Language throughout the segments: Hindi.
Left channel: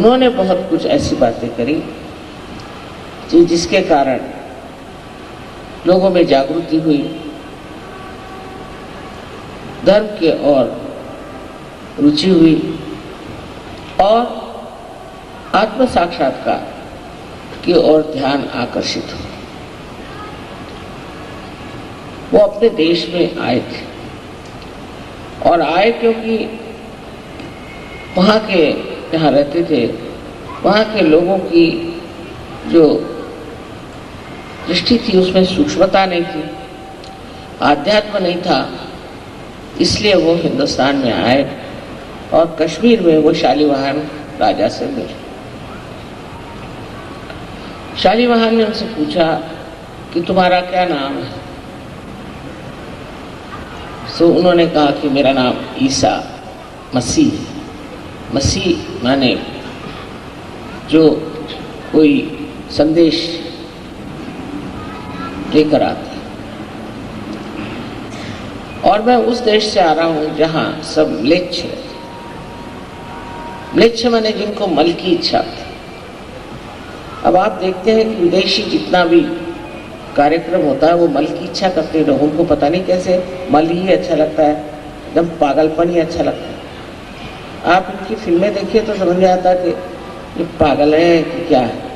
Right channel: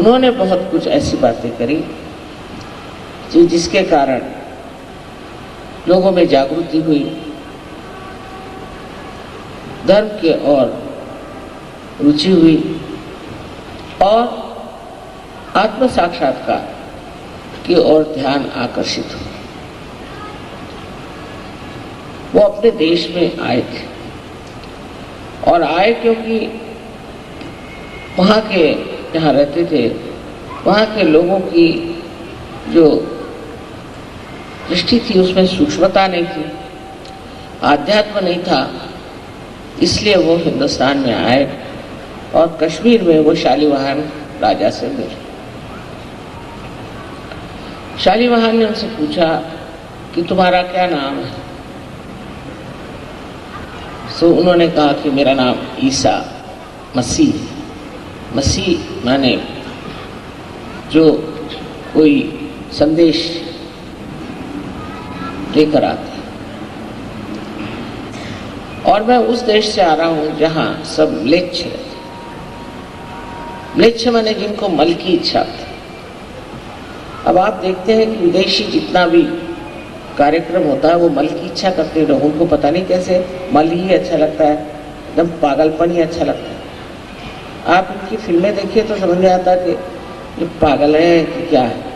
उन्होंने बहुत कुछ ऐसी बातें करी जिसके कारण लोगों में जागृति हुई, धर्म की ओर रुचि हुई और आत्म साक्षात्कार की ओर ध्यान आकर्षित हुआ। वो अपने देश में आए थे और आए क्योंकि वहां के जहाँ रहते थे वहां के लोगों की जो दृष्टि थी उसमें सूक्ष्मता नहीं थी, आध्यात्म नहीं था, इसलिए वो हिंदुस्तान में आए और कश्मीर में वो शालीवाहन राजा से मिले। शालीवाहन ने उनसे पूछा कि तुम्हारा क्या नाम है? तो उन्होंने कहा कि मेरा नाम ईसा मसीह। मसीह माने जो कोई संदेश लेकर आता है, और मैं उस देश से आ रहा हूं जहां सब म्लेच्छ रहते। म्लेच्छ माने जिनको मल की इच्छा थी। अब आप देखते हैं कि विदेशी जितना भी कार्यक्रम होता है वो मल की इच्छा करते हैं। लोगों को पता नहीं कैसे मल ही अच्छा लगता है, एकदम पागलपन ही अच्छा लगता है। आप उनकी फिल्में देखिए तो समझ में आता है कि ये पागल है कि क्या है।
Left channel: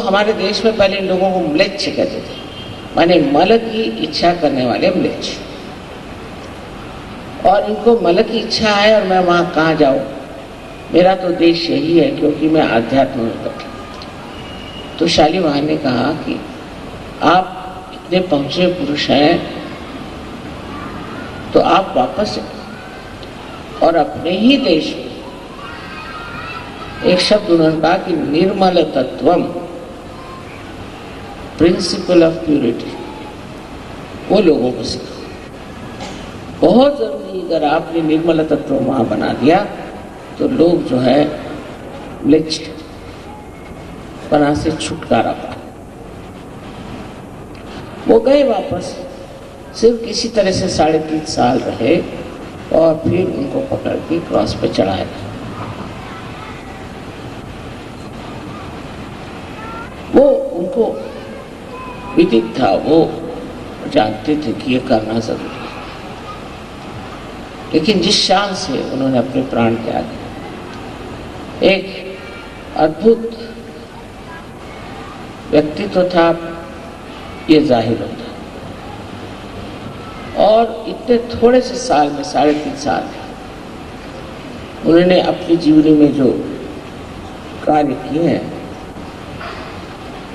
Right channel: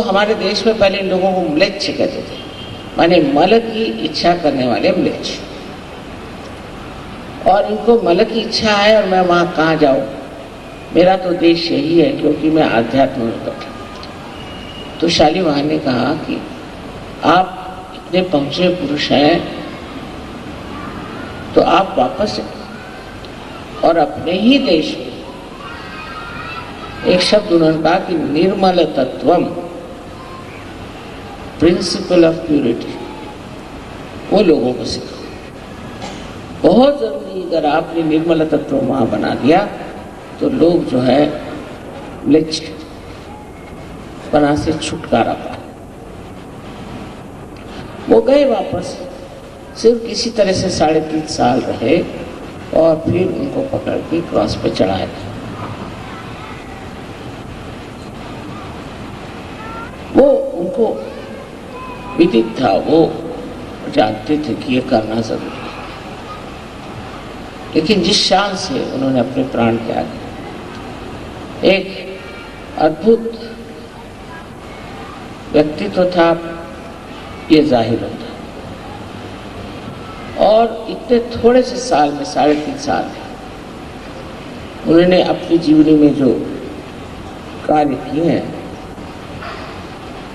हमारे देश में पहले लोगों को म्लेच्छ कहते थे, माने मल की इच्छा करने वाले म्लेच्छ। और इनको मल की इच्छा है और मैं वहां कहाँ जाऊं, मेरा तो देश यही है क्योंकि मैं आध्यात्म में पढ़ा। तो शालीवाहन ने कहा कि आप इतने पहुंचे पुरुष हैं तो आप वापस और अपने ही देश में एक शब्द उन्होंने कहा कि निर्मल तत्वम, प्रिंसिपल ऑफ प्यूरिटी, वो लोगों को सिखा। बहुत जरूरी, अगर आपने निर्मल तत्व वहां बना दिया तो लोग जो है म्लेच्छ पना से छुटकारा पाए। वो गए वापस, सिर्फ किसी तरह से 3.5 साल रहे और फिर उनको पकड़ के क्रॉस पे चढ़ाया। वो उनको विदित था, वो जानते थे कि ये करना जरूरी है, लेकिन जिस शान से उन्होंने अपने प्राण त्यागे, एक अद्भुत व्यक्तित्व था, ये जाहिर होता है। और इतने थोड़े से साल में 3.5 साल उन्होंने अपनी जीवनी में जो कार्य किए हैं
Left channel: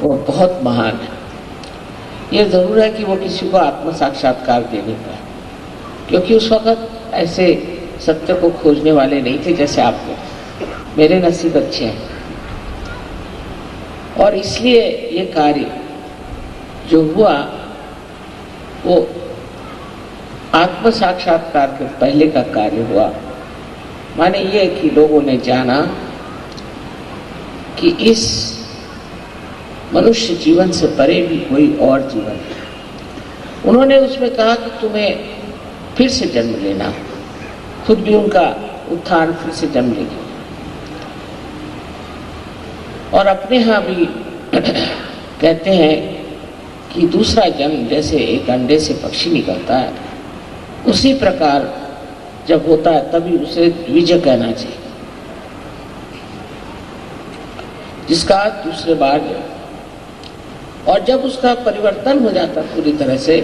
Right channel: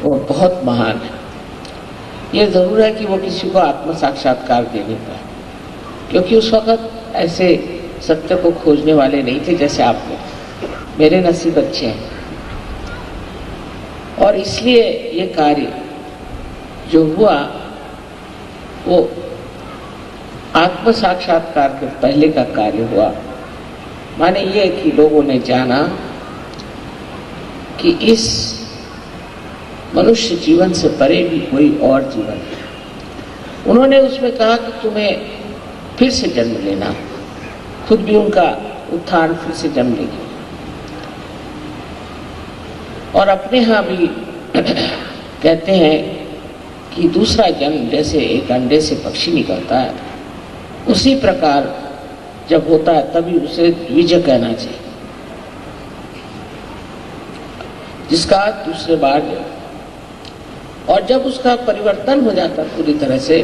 वो बहुत महान है। ये जरूर है कि वो किसी को आत्म साक्षात्कार दे नहीं पाए, क्योंकि उस वक्त ऐसे सत्य को खोजने वाले नहीं थे जैसे आप लोग। मेरे नसीब अच्छे हैं और इसलिए ये कार्य जो हुआ वो आत्म साक्षात्कार के पहले का कार्य हुआ। माने ये कि लोगों ने जाना कि इस मनुष्य जीवन से परे भी कोई और जीवन है। उन्होंने उसमें कहा कि तुम्हें फिर से जन्म लेना, खुद भी उनका उत्थान फिर से जन्म लेगी। और अपने यहां भी कहते हैं कि दूसरा जन्म जैसे एक अंडे से पक्षी निकलता है, उसी प्रकार जब होता है तभी उसे द्विज कहना चाहिए, जिसका दूसरे बार जन्म। और जब उसका परिवर्तन हो जाता है पूरी तरह से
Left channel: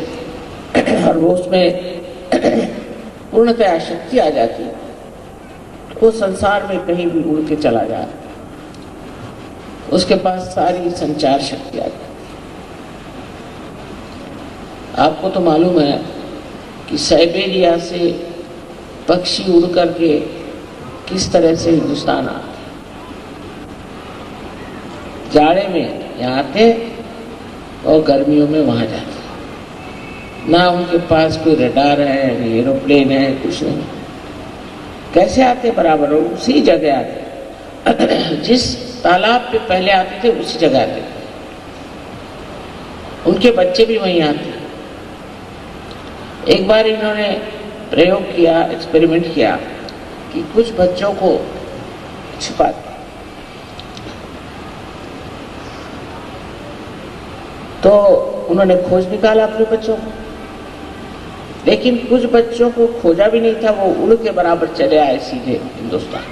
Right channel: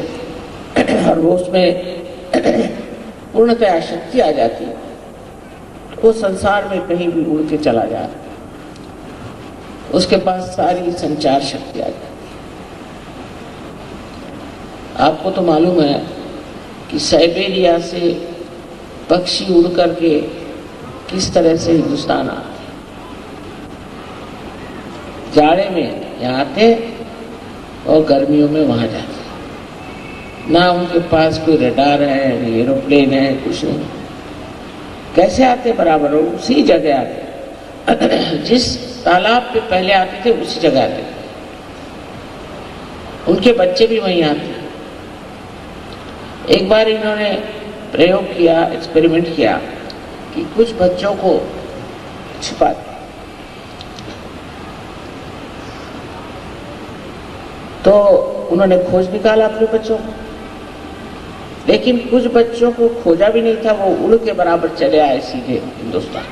और वो उसमें पूर्णतया शक्ति आ जाती, वो संसार में कहीं भी उड़ के चला जाए, उसके पास सारी संचार शक्ति आ जाती। आपको तो मालूम है कि साइबेरिया से पक्षी उड़ करके किस तरह से हिंदुस्तान आते, जाड़े में यहाँ आते और गर्मियों में वहां जाते। ना उनके पास कोई रडार है, एरोप्लेन है, कुछ नहीं। कैसे आते बराबर, उसी जगह आते, जिस तालाब पे पहले आते थे उसी जगह आते। उनके बच्चे भी वहीं आते। एक बार इन्होंने प्रयोग किया, एक्सपेरिमेंट किया कि कुछ बच्चों को छुपा दिया। तो उन्होंने खोज निकाला अपने बच्चों को, लेकिन कुछ बच्चों को खोजा भी नहीं था, वो उड़ के बराबर चले आए सीधे हिंदुस्तान।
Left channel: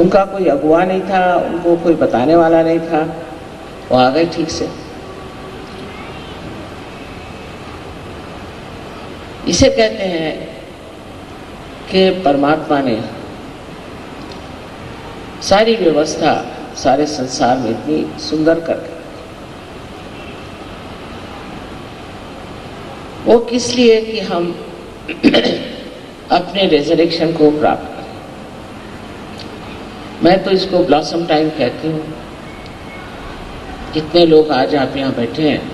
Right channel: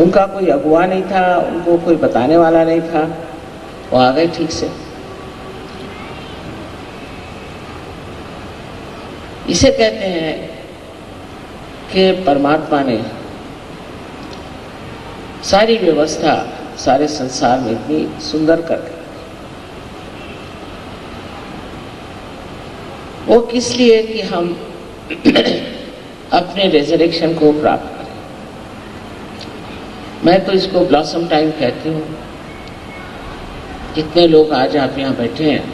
उनका कोई अगुआ नहीं था, उनको कोई बताने वाला नहीं था, वो आ गए ठीक से। इसे कहते हैं कि परमात्मा ने सारी व्यवस्था सारे संसार में इतनी सुंदर कर दी। वो किस लिए कि हम अपने रिजरेक्शन को प्राप्त करें। मैं तो इसको ब्लॉसम टाइम कहती हूँ। कितने लोग आज आप यहाँ बैठे हैं,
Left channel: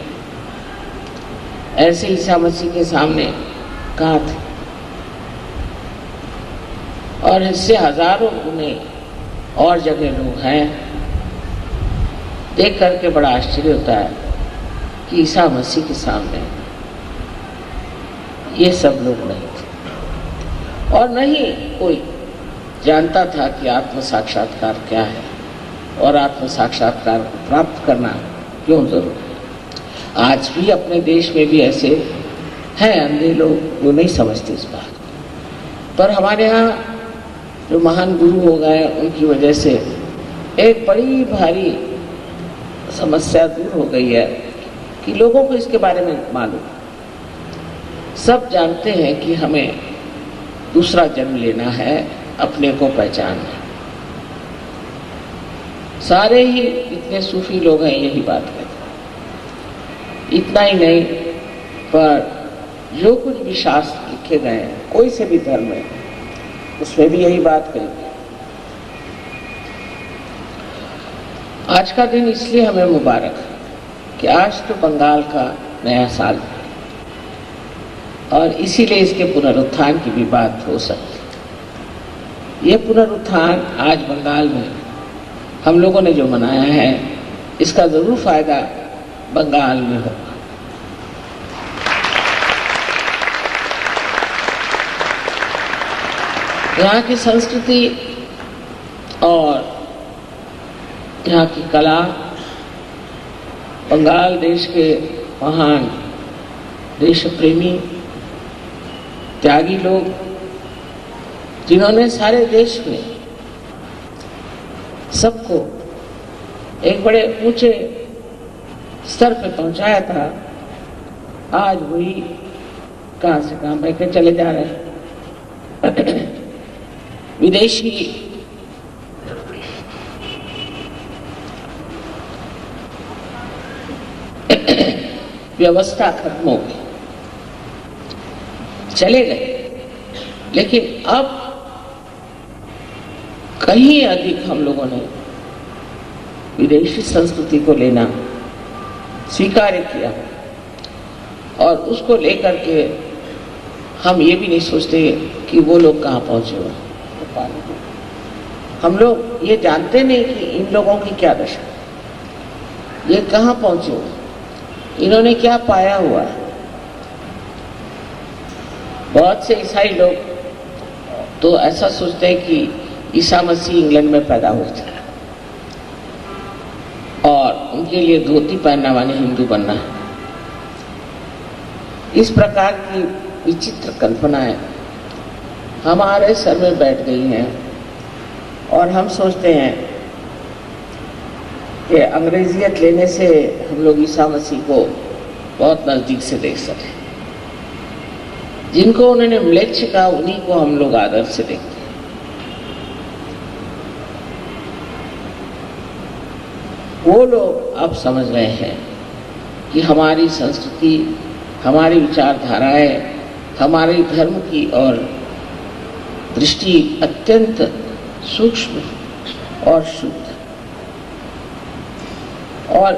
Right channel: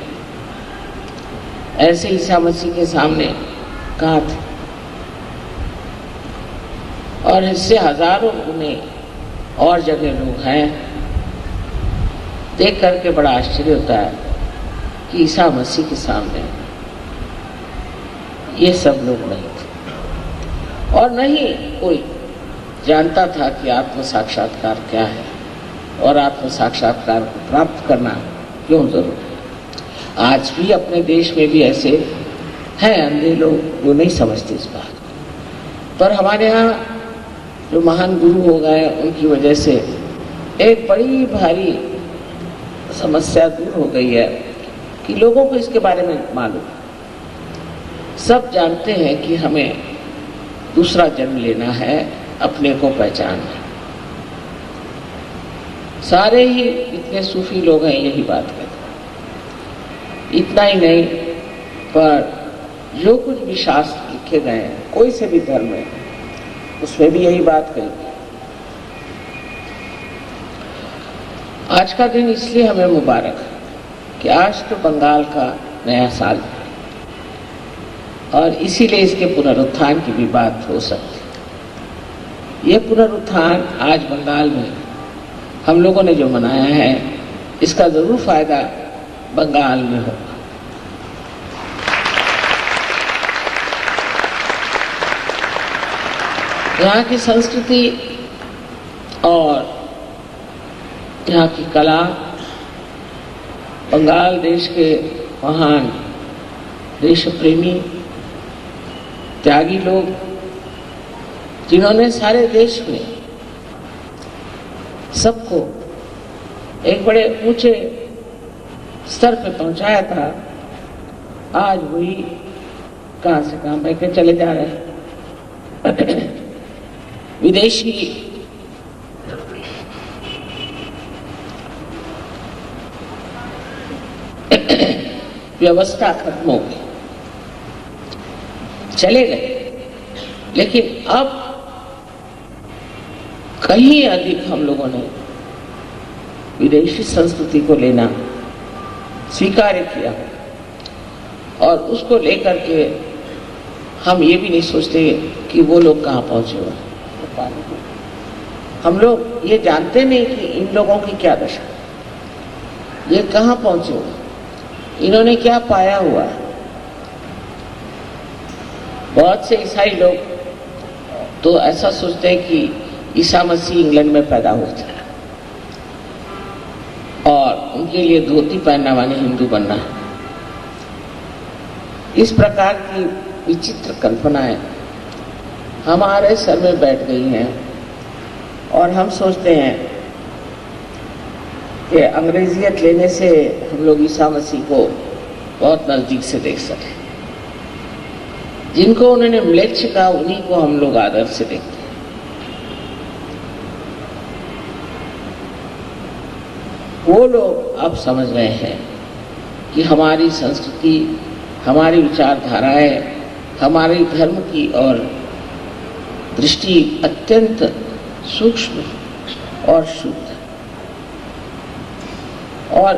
ऐसे ईसा मसीह के सामने कहा थे, और इससे हजारों गुने और जगह लोग हैं। देख करके बड़ा आश्चर्य होता है कि ईसा मसीह के सामने ये सब लोग नहीं थे, और नहीं कोई जानता था कि आत्म साक्षात्कार क्या है और आत्म साक्षात्कार प्राप्त करना क्यों जरूरी है। आज भी अपने देश में भी ऐसे हैं अंधे लोग जो नहीं समझते इस बात, पर हमारे यहाँ जो महान गुरु हो गए उनकी वजह से एक बड़ी भारी समस्या दूर हो गई है कि लोगों को इसके बारे में मालूम। सब जानते हैं कि हमें दूसरा जन्म लेना है, अपने को पहचानना है। सारे ही इतने सूफी लोग हैं यही बात कहते हैं। इतना ही नहीं, पर जो कुछ भी शास्त्र लिखे गए हैं कोई से भी धर्म है उसमें भी यही बात कहते हैं। आज का दिन इसलिए हमें मुबारक है कि आज तो बंगाल का नया साल है, और इसीलिए इसके पुनरुत्थान की भी बात हो सकती है। ये पुनरुत्थान आज बंगाल में हम लोगों ने जो मनाया है, इसका जरूर फायदा बंगाल में होगा। यहाँ की संस्कृति और यहाँ की कला, बंगाल देश के महान देश प्रेमी त्यागी लोग, जिन्होंने सारे देश में सबको एक बड़े ऊंचे स्तर पर पहुंचाया था, आज वही कहां से काम लेकर चले जा रहे हैं। विदेशी व्यवस्था खत्म हो गई, चले गए, लेकिन अब कहीं अधिक हम लोगों ने विदेशी संस्कृति को लेना स्वीकार किया, और उसको लेकर के हम ये भी नहीं सोचते कि वो लोग कहाँ पहुंचे हुए। हम लोग ये जानते नहीं कि इन लोगों की क्या दशा, ये कहाँ पहुंचे हुए, इन्होंने क्या पाया हुआ। बहुत से ईसाई लोग तो ऐसा सोचते हैं कि ईसा मसीह इंग्लैंड में पैदा हुए थे और उनके लिए धोती पहनने वाले हिंदू बनना है। इस प्रकार की विचित्र कल्पनाएं हमारे सर में बैठ गई हैं, और हम सोचते हैं कि अंग्रेजियत लेने से हम लोग ईसा मसीह को बहुत नजदीक से देख सकें। जिनको उन्होंने म्लेच्छ कहा उन्हीं को हम लोग आदर से देखते हैं। वो लोग अब समझ रहे हैं कि हमारी संस्कृति, हमारी विचारधाराएं, हमारे धर्म की और दृष्टि अत्यंत सूक्ष्म और शुद्ध, और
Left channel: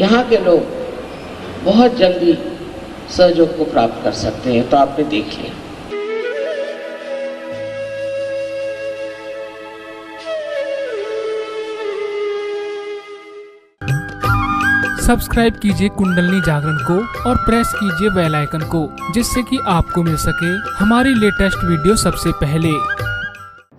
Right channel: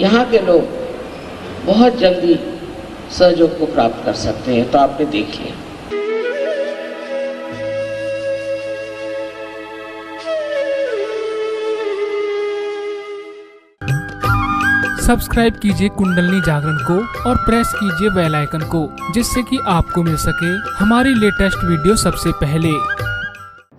यहाँ के लोग बहुत जल्दी सहयोग को प्राप्त कर सकते हैं। तो आपने देख लिया। सब्सक्राइब कीजिए कुंडलनी जागरण को और प्रेस कीजिए बेल आइकन को, जिससे कि आपको मिल सके हमारी लेटेस्ट वीडियो सबसे पहले।